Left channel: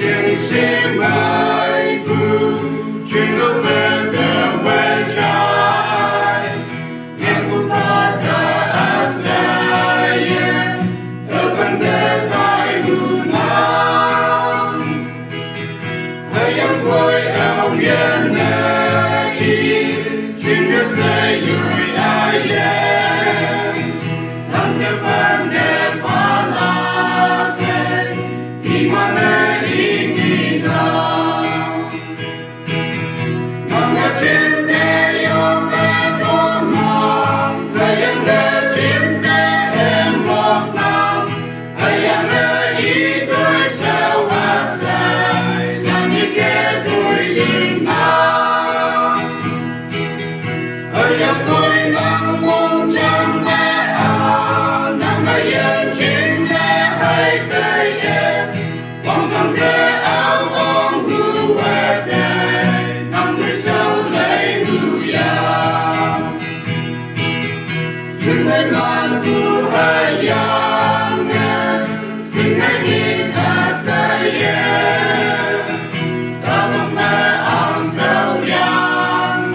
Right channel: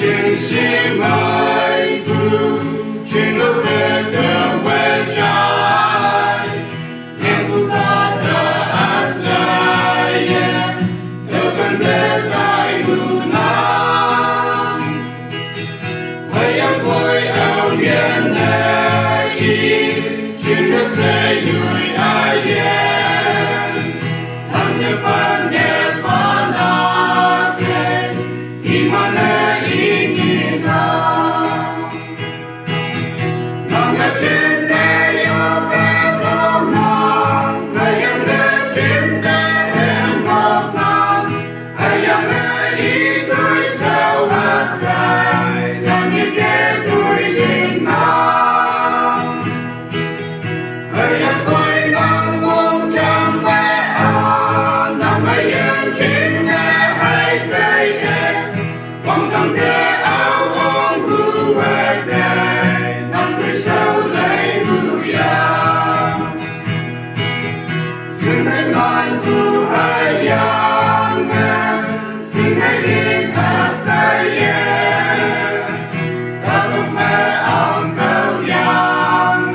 Chuyện sĩ mai cu chuyện lúc về từ quê trái em cũng có thở à say từ con thế tại mù nam hãy em vui áo yên này chuyện nó sẽ vui ai làm sẽ phản để phá la kê đi mà nơi ý nghĩ nào nằm ở trên đê yêu bé có non hãy em để trên đê em ngọt ngào hãy em để ý tôi sao hát say làm như để tôi đi nào hãy em vui nắng muôn trăng bé nằm ở yên trên đê hay cây em quăng thẳng thế áo ôm hư về thế nằm dưới sâu lấy hư ya xin hãy ngoan cu hai yang xin hãy nhìn à say ta không mơ ong thâu yang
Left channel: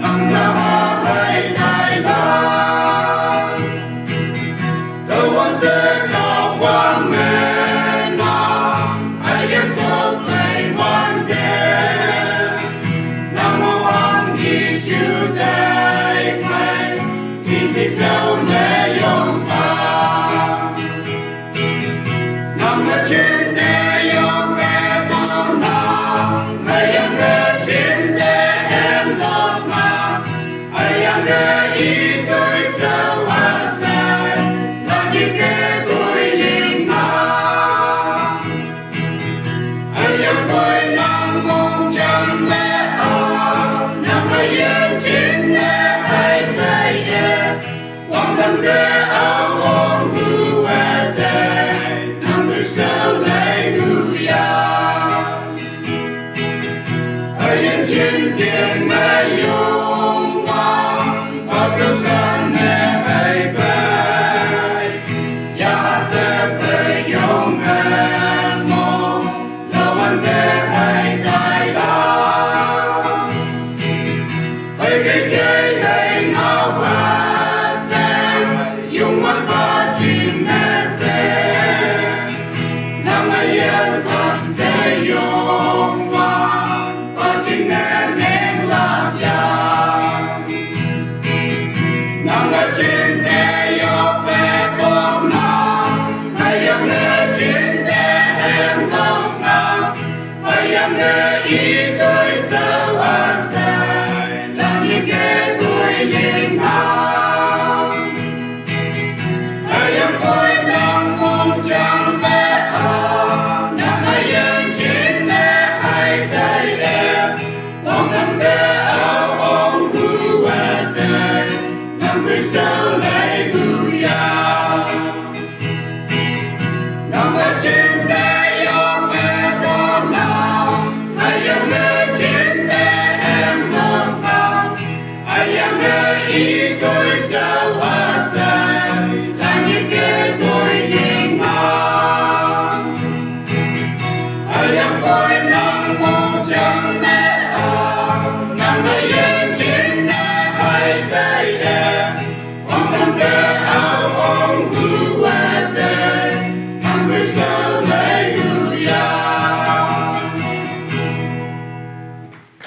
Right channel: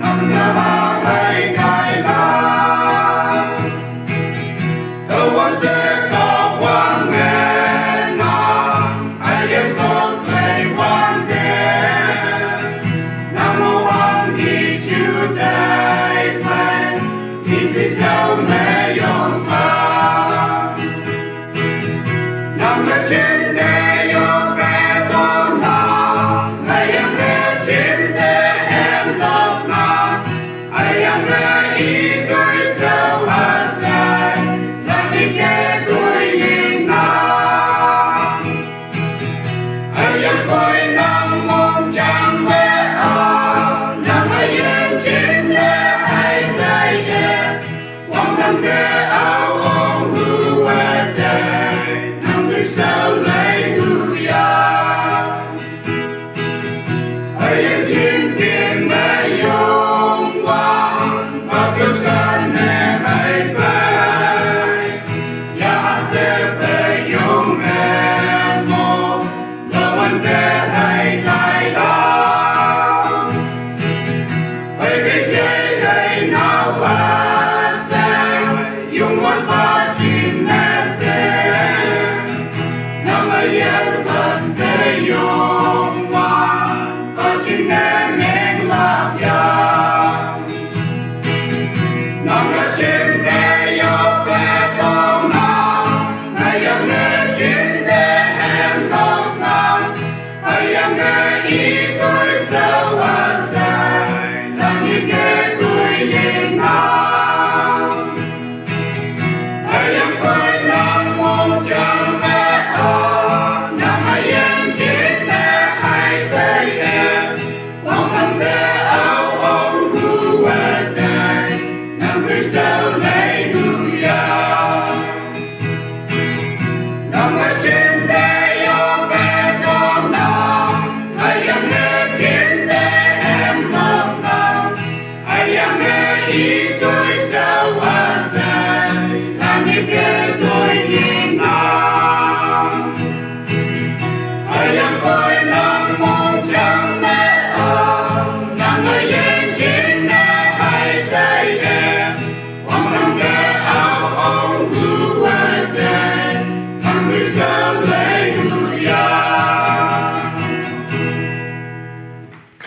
nằm xa hạ hay thái lan đâu quan thế có quang nghe nam ai em tốt lấy quan thế nam mô hoàng hi chư đại phật thì sĩ sao mê yong ta nằm ở trên đê yong bé to nàng ai em nghe trên đê em đọt nàng ai em nghe ý tôi sao hát say là những nghe tôi liền nàng ai em vui nắng mong trăng bé nằm ở yên trên đê hay tay em quăng thẳng thế áo ôm hư về thế nằm dưới sao lấy hư ya ai em trên kia mê yong vang và siêu san nè hay bay ya sẽ về yong em mong lo quan thế hay tay ta hãy cái chơi hay nào ba sẽ dùng mắt ba chim nè sẽ nằm ở yên thật sẽ yong vang ba chim nè nên lạc yang nằm ở trên đê yêu bé có nàng hãy em nghe trên đê em ngọt ngào hãy em nghe ý tôi sao hát say là như nghe tôi liền nào hãy em vui nắng muôn trăng bé nằm hãy em trên đê hai tay em quăng thẳng thế áo ôm hư về thế nằm dưới sao lấy hư ya